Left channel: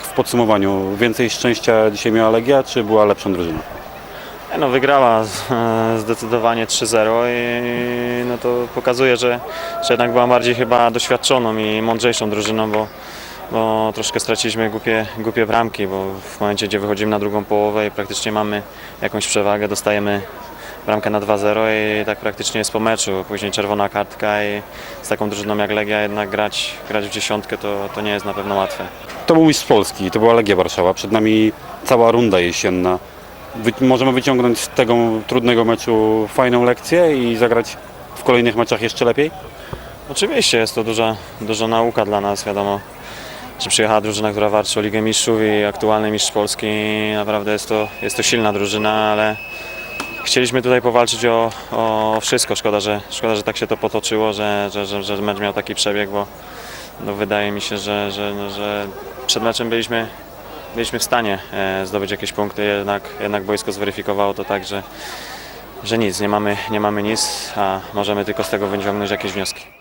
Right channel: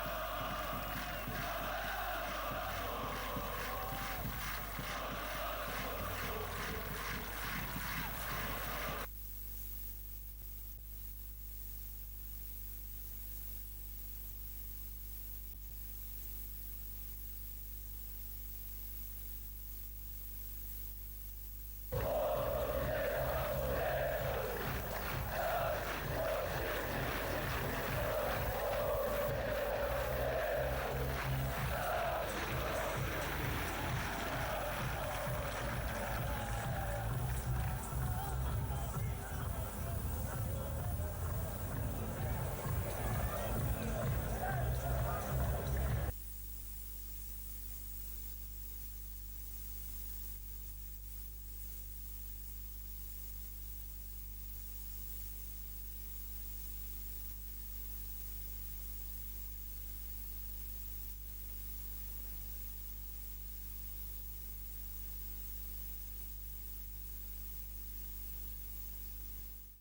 podsumowaniu? Więcej szczęścia dzisiaj miała Legia, czy była lepszą drużyną? No, wygrała e, zdecydowanie 3-0 i no to pokazuje, że, że jednak była bardziej chyba doświadczoną i mądrzejszą drużyną, bo, bo troszkę straciliśmy głupie, głupie bramki, bo w momencie, gdzie wychodzimy na drugą połowę i praktycznie mamy jakąś przewagę, dostajemy bramkę na 2-0 i tak praktycznie jest po meczu. Później czerwona kartka i z taką drużyną jak Legia jednak grać, grać w dziesiątkę to, to nie jest na pewno łatwe. To był mistrz Polski, to była Legia Warszawa. Przed nami cała runda jesienna. Wy, możemy wyciągnąć z tego trudnego meczu fajną lekcję i zagrać w kolejnych meczach jeszcze lepiej? Oczywiście jest to duża, duża nauka dla nas, wiadomo, że przyjechała drużyna, która walczy o Ligę Mistrzów i aktualny mistrz Polski. Naprawdę jest to, jest to silna drużyna, ale chcieliśmy tutaj powalczyć o, o wszystko. Szkoda, że, szkoda, że tak się to potoczyło, że, że, że, że mecz miał taki przebieg, bo no, wydaje mi się, że, że, no, że przed meczem byliśmy, byliśmy w stanie e, zdobyć jakieś punkty, jednak, jednak boisko zweryfikowało to tak, że, że nic, nie mamy, nie mamy nic, a możemy tylko z tego wyciągnąć jakieś wnioski.